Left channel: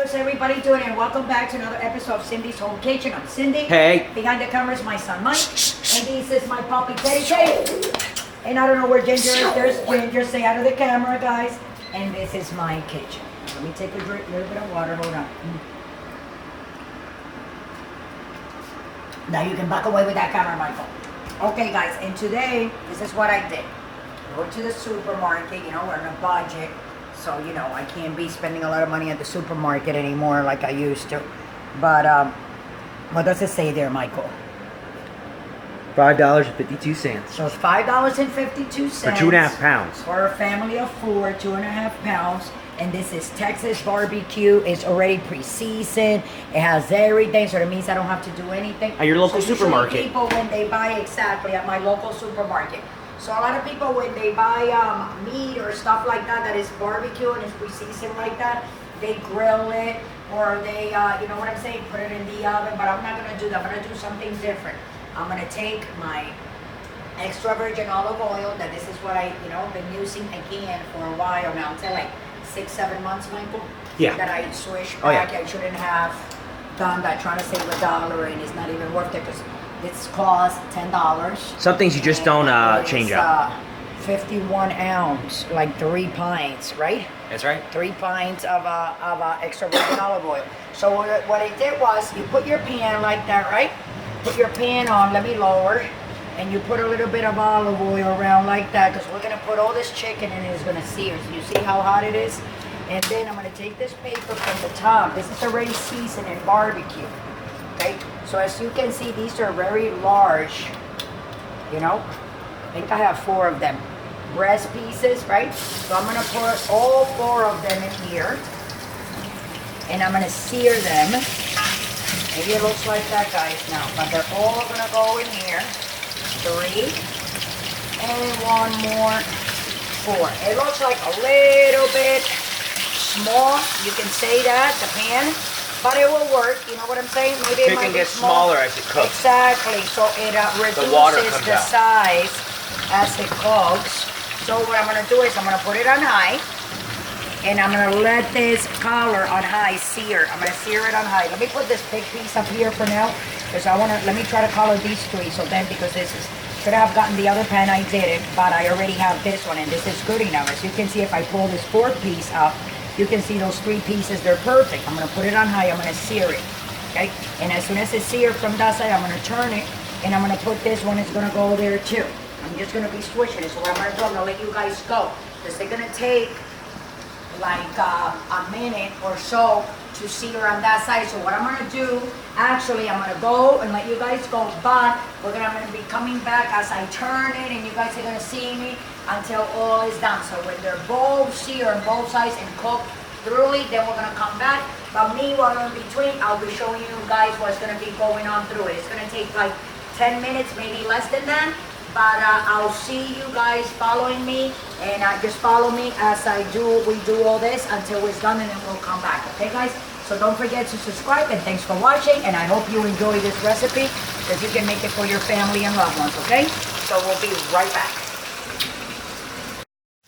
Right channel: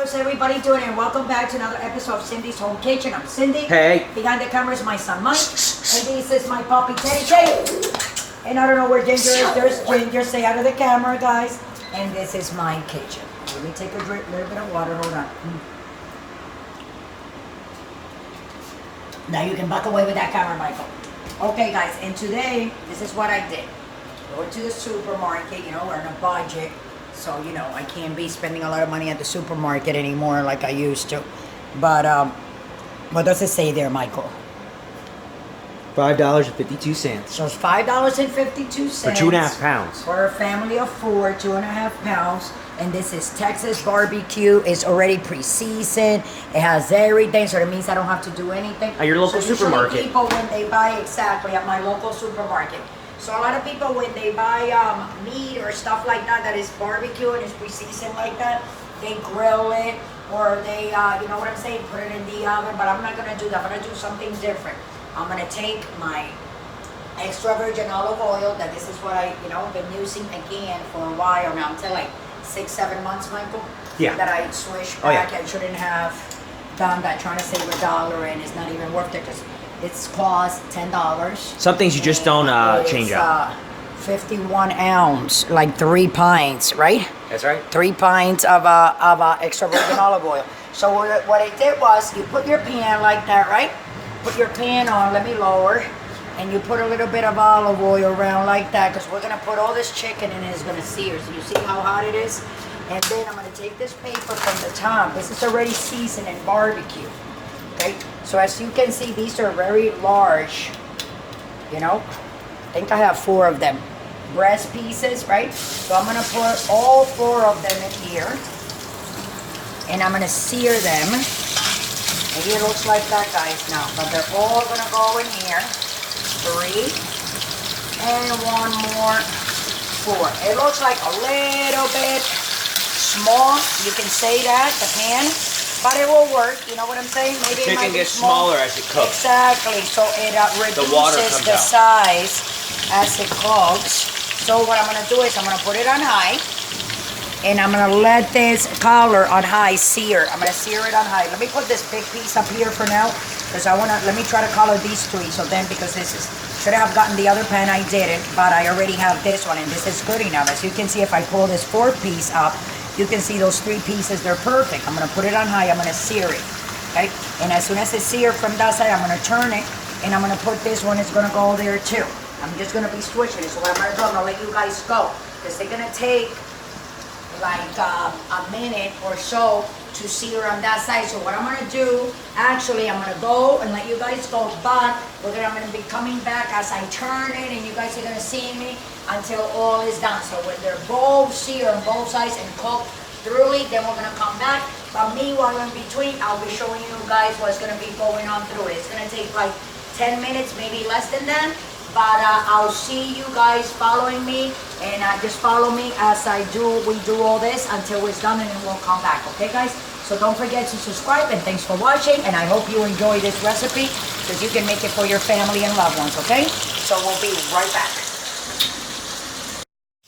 how's everybody doing? And welcome back to another episode of Cindy's Home Kitchen. I'm Cindy. Hey. Behind the camera is my son Mike. And this is my puppy Teddy. And I don't know where Ginger is. There's Ginger. Say out of the camera, guys. And this is my kitchen. Let me take a drink, little bit of water. Hold on. Now you can back away with that camera, Michael. Okay, guys. And today, this is what I did. Go to the supermarket. You know, we're on a budget. So, you know, I can't be spending a lot of money at the supermarket anymore like I used to. But, what does it say there, Michael? $5.52. So it's $5.52. For 2.5 pounds. For a family of 4, 2.5 pounds. And this is Texas BBQ. It's already pre-seasoned. It has everything, so that means I don't have to do anything. At your local so supermarket. People, when they buy, exactly, at my local supermarket. So a lot of people, when they buy meat or stuff like that, that is barbecue and it's pre-seasoned like that, they grill it or they, you know what I'm saying, put it in the oven. But I'm not going to do that. I'm going to do something different. I'm going to take my extra virgin olive oil, that this is what I, you know, been using again for a while now. Until like 6-7 months, Michael. Yeah. That I switched back. Oh, yeah. I shouldn't have done that, trying to save $1, and it's not even worth it because it's cost $10. Some things you just don't change out. 51 ounce, like 3 pints, right? That's right. 3 pints of extra virgin olive oil. So what I did was, you put your pan like that, right? Put your pan on, let me lower, and you put a little bit of olive oil around like that, because we're gonna put all this chicken in and it's gonna sear. So you see how hot it is? And then I'm gonna take this paper from the top. This is already seasoned in barbecue. Okay, so as you can see, these are very large, you know. I think I have 4 of them. Breast pieces, right? So I'm gonna put all 4 of them in here, and I'm gonna sear them. Maybe it looks like that, guys, now, but they're all gonna go in here. 3, and 1 more, 4. It looks like a little bit small. You can say that, the pan. But it will work, you know what I'm saying? Maybe it might Chicken be gets small. smaller as it cooks. Exactly, so it reduces the size as it cooks. So what I'm gonna do is I'm gonna put it on high, and I'm gonna let this color on high sear. I'm gonna sear it on high. Let me put this big piece up here for now, because let me try to color these 3. So then, because this is, should have gotten the other pan, I didn't, but I already have this one, and this is good enough. As you can see, if I pull this 4th piece up, you can see those 3 pieces, they're perfect. I'm gonna put it on high, I'm gonna sear it, okay? And as soon as it's seared from that side, I'm gonna turn it, and I'm gonna put this one, it's gonna go there too. I'm just gonna be switching it. So what I'm gonna do, I'm gonna let you guys go, because they're gonna take like a minute or so to sear on that side. So what I'm gonna do, actually, I'm gonna go and let you guys go, but I'm gonna be coming back as I turn it, and you guys are gonna see me until all is done. So when they're both seared on both sides and cooked thoroughly, then we're gonna come back. But meanwhile, in between, I'll be showing you guys what's gonna be going on through it. It's gonna take like 10 minutes, maybe less than that. But I'll see you guys following me, and just follow me as we do all this until it's done, and then we'll come back, okay guys? So don't forget to subscribe, and thanks for watching, and I hope you enjoy this recipe, because you can make it for your family and loved ones, okay? So we'll be right back.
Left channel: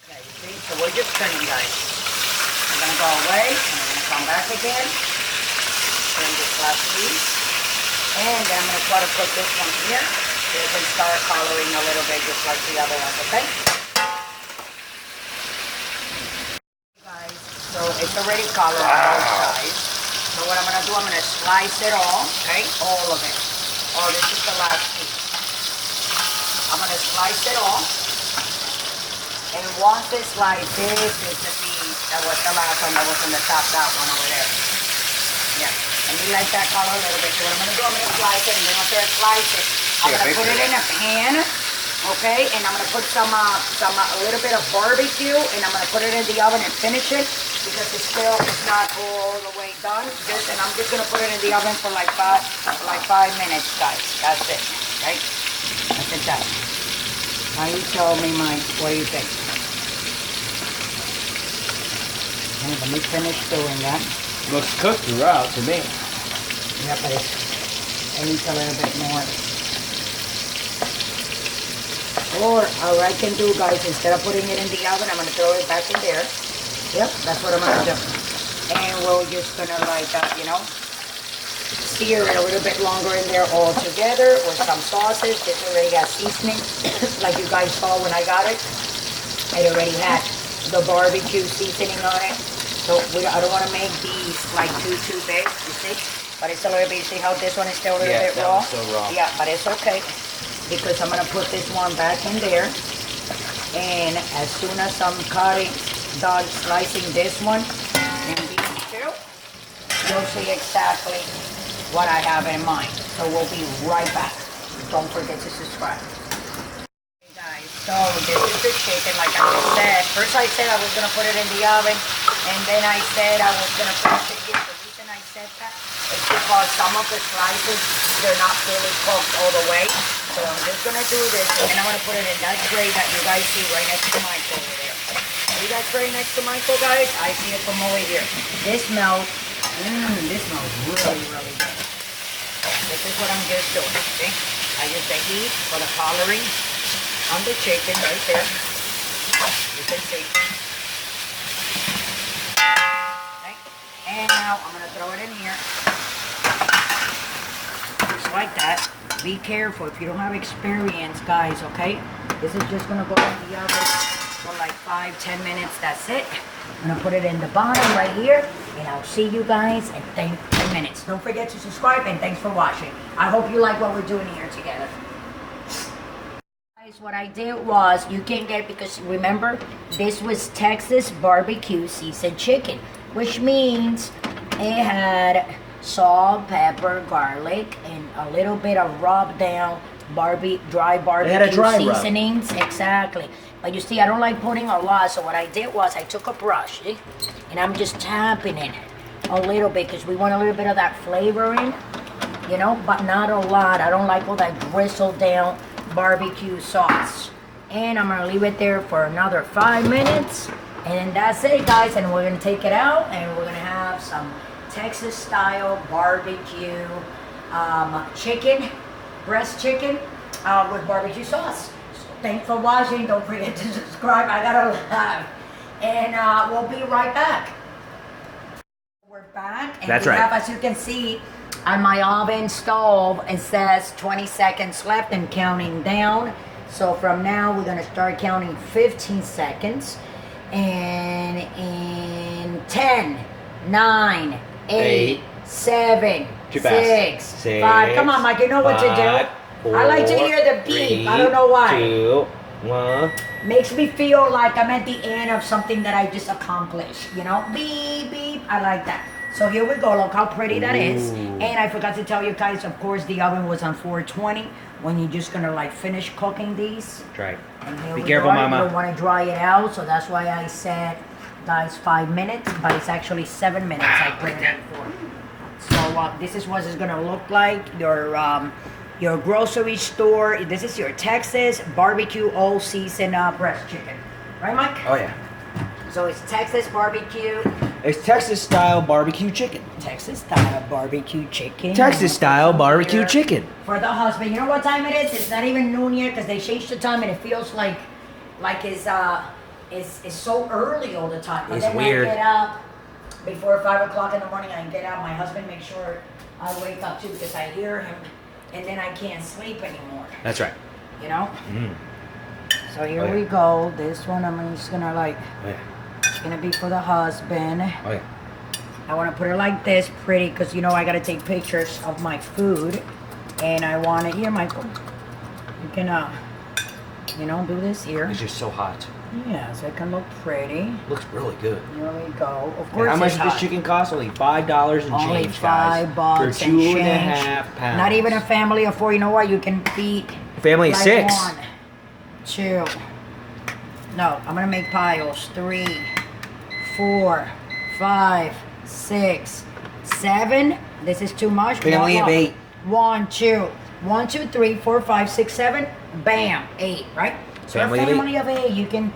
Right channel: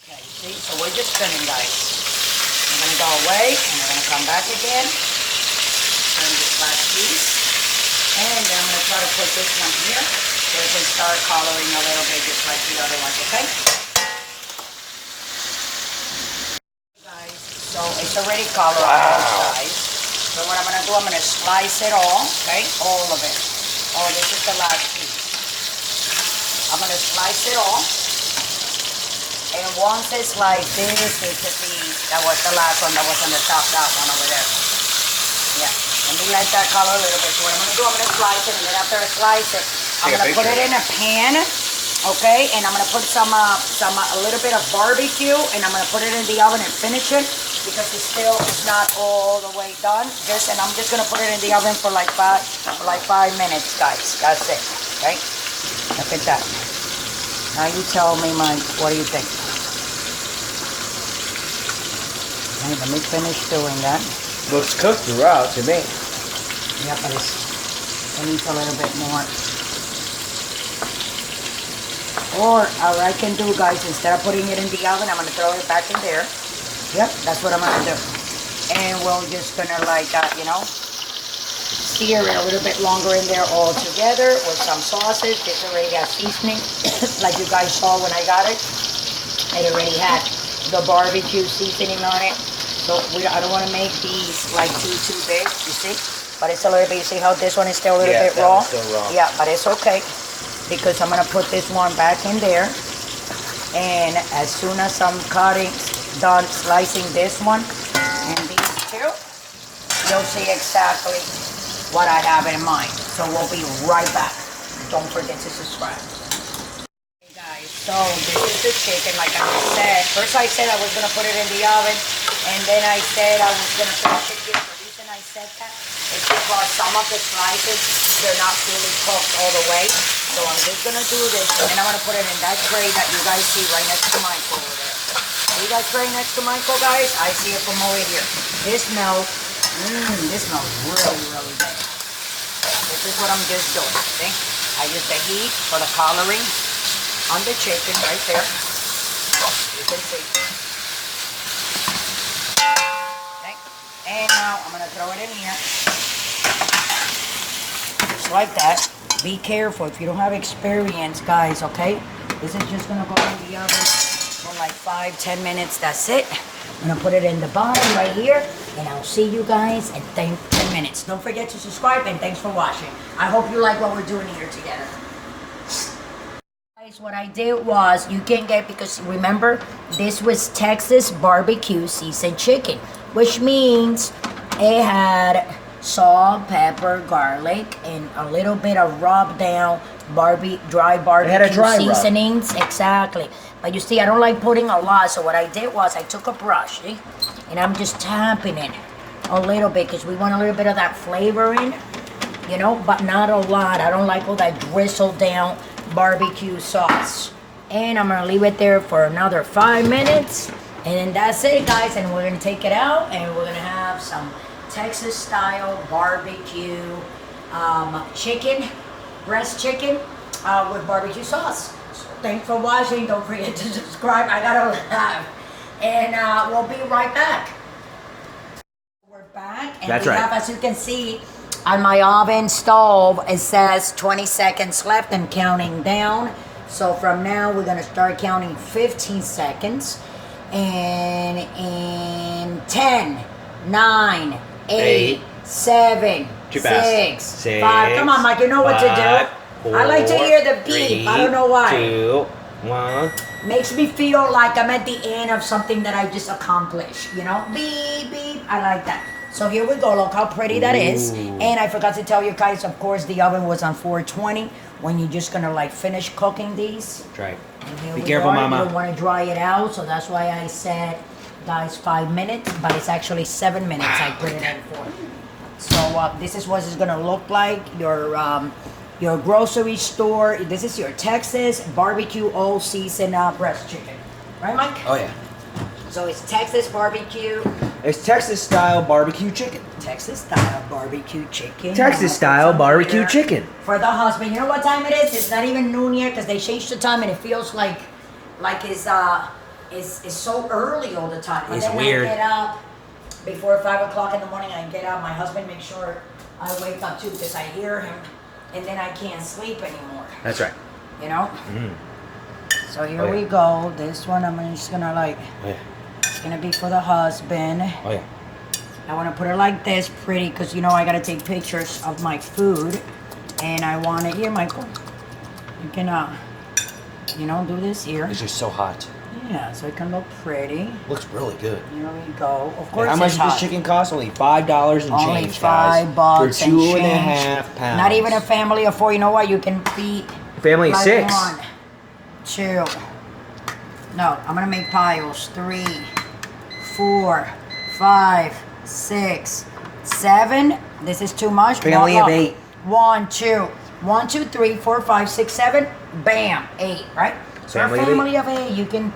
Okay, you see, so we're just spinning, guys. I'm gonna go away, and I'm gonna come back again, turn this last piece, and then I'm gonna try to put this one here. So it can start coloring a little bit just like the other ones, okay? Guys, so it's already colored on both sides. So what I'm gonna do, I'm gonna slice it all, okay? All of it. Oh, this is the last piece. I'm gonna slice it all. And once it's like this is the piece, that was the last one that was on the top, that one over there. Yeah, let me let that color a little bit. So what I'm gonna do, I'm gonna slice it, and then after I slice it, I'm gonna put it in a pan, okay? And I'm gonna put a little bit of barbecue, and I'm gonna put it in the oven and finish it, because it's not all the way done. And I'm just gonna put it in the oven for like 5 minutes, guys. That's it, okay? Look at that. Now you tell me, Mike, what do you think? Okay, let me finish doing that. Looks cooked throughout to me. Yeah, but it needs a little bit more. Or I can do, guys, instead of putting it in the oven, I'm going to throw it back in there. Yep, that's what I'm going to do. And we'll So just gonna like, sear it a little bit longer in there all together with some sauces. This already has seasoning, like you guys saw when I got it. It already had the barbecue seasoning on it. So I don't want to make these like too big, you see? But it's a little bit, you see how this one is still a little bit raw? Yeah, still raw. Yeah, but it's okay because I'm gonna put this one back in there. And as soon as I'm done slicing this one and these two, you'll see exactly what I have in mind. So we'll be right back. Don't forget to subscribe. Hey guys, so this is the chicken, like I said. First I said I was gonna put it in the oven, and then I said I was gonna finish it here. The reason I said that is because some of the slices, they're not really cooked all the way. So I'm just gonna do this, and I'm gonna put it in that tray that you guys see right next to Michael over there. See that tray next to Michael, guys? I see it from over here. This smells, this smells really, really good. This is what I'm just doing, okay? I use the heat for the coloring on the chicken right there. You can see. Okay. And now I'm gonna throw it in here. Just like that. Be careful if you don't have experience, guys, okay? This is just gonna go in the oven for like 5-10 minutes. That's it. I'm gonna put it in the bottom right here, and I'll see you guys in 10 minutes. Don't forget to subscribe, and thanks for watching. I hope you like what we're doing here together. Guys, what I did was, you can get, because remember, this was Texas barbecue seasoned chicken, which means it had salt, pepper, garlic, and a little bit of rubbed down dry barbecue seasonings. Exactly. But you see, I don't like putting a lot, so what I did was I took a brush, see? And I'm just tapping it a little bit because we want a little bit of that flavor in, but not a lot. I don't like all that grizzled down barbecue sauce. And I'm gonna leave it there for another 5 minutes, and then that's it, guys. And we're gonna take it out, and we're gonna have some Texas style barbecue chicken, breast chicken with barbecue sauce. So thanks for watching. Don't forget to subscribe. I gotta laugh. And we'll be right back. We're back. And that's we right. have, as you can see, on my oven stove, it says 20 seconds left and counting down. So from now, we're gonna start counting 15 seconds. And in 10, 9, 8, 7, 6, 5. Come on, Mike, you know what to do. 4, I like to hear the beep. 3, I don't know why. 2, 1. Makes me feel like I'm at the end of something that I just accomplished. Beep, beep. I like that. So here we go. Look how pretty that is. And I forgot to tell you guys, of course, the oven was on 420 when you're just going to finish cooking these. That's right. Be careful, Mama. You don't want to dry it out, so that's why I said, guys, 5 minutes, but it's actually 7 minutes I put it in for. So this is what it's gonna look like. Your grocery store. This is your Texas barbecue all season breast chicken, right, Mike? Oh yeah. So it's Texas barbecue. It's Texas style barbecue chicken. Texas style barbecue chicken. Texas style barbecue chicken. For the husband. You know what time it is? It's not even noon yet because they changed the time and it feels like it's so early all the time. But it's then weird. I get up before 5 o'clock in the morning. I get up. My husband makes sure I wake up too because I hear him, and then I can't sleep anymore. That's right. So here we go. This one I'm just gonna Oh yeah. It's gonna be for the husband. Oh yeah. I want to put it like this, pretty, because I gotta take pictures of my food, and I want it here, Michael. You can do this here. It's just so hot. Yeah, so it can look pretty. Looks really good. Here we go. Of course, how much does this chicken cost? Only $5 and only change, $5 guys. For and 2.5 pounds. Not even a family of 4. You know what? You can feed family of 6. 1, 2. No, I'm gonna make piles. 3, 4, 5, 6, 7. This is too much. Family of 8. 1, 2, 1, 2, 3, 4, 5, 6, 7. Bam, 8. Right. So a family of 8, you can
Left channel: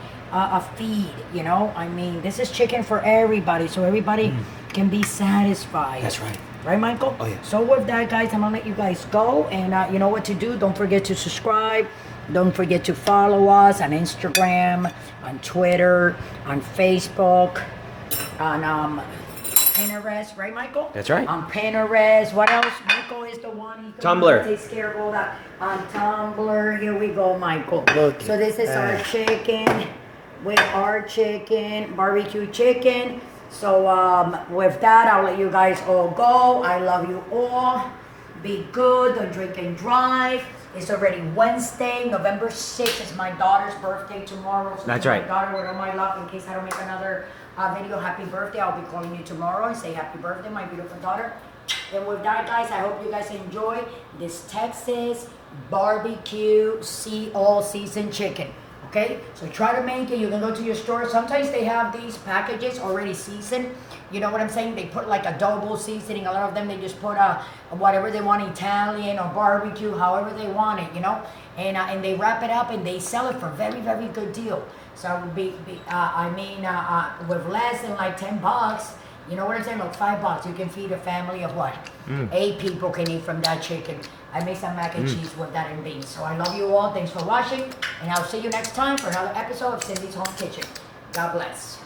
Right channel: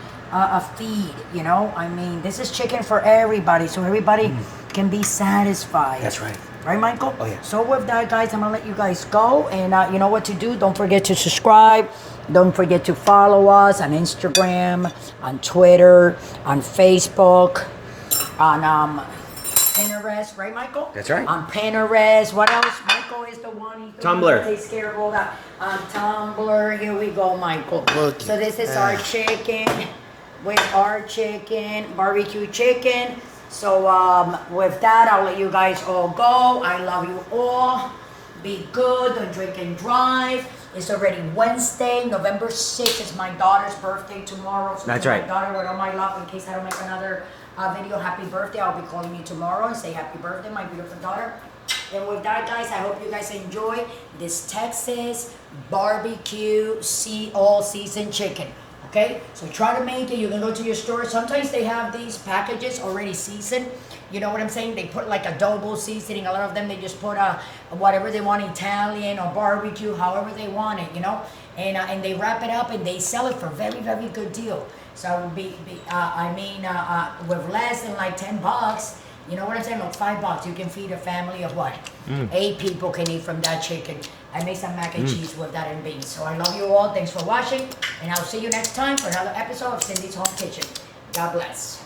feed. I mean, this is chicken for everybody, so everybody can be satisfied. That's right. Right, Michael? Oh, yeah. So with that, guys, I'm going to let you guys go. And you know what to do. Don't forget to subscribe. Don't forget to follow us on Instagram, on Twitter, on Facebook, on Pinterest, right, Michael? That's right. On Pinterest. What else? Michael is the one. Tumblr. Takes care of all that. On Tumblr. Here we go, Michael. Look So this is our chicken. With our chicken, barbecue chicken. So with that, I'll let you guys all go. I love you all. Be good. Don't drink and drive. It's already Wednesday, November 6th. It's my daughter's birthday tomorrow. So That's my right. daughter, with all my love, in case I don't make another video, happy birthday. I'll be calling you tomorrow and say happy birthday, my beautiful daughter. And with that, guys, I hope you guys enjoy this Texas barbecue all season chicken. Okay, so try to make it. You can go to your store. Sometimes they have these packages already seasoned. You know what I'm saying? They put like adobo seasoning. A lot of them, they just put whatever they want, Italian or barbecue, however they want it, you know. And they wrap it up and they sell it for very, very good deal. So with less than like $10, you know what I'm saying? Like $5, you can feed a family of what? 8 people can eat from that chicken. I made some mac and cheese with that and beans. So I love you all. Thanks for watching. And I'll see you next time for another episode of Cindy's Home Kitchen. God bless.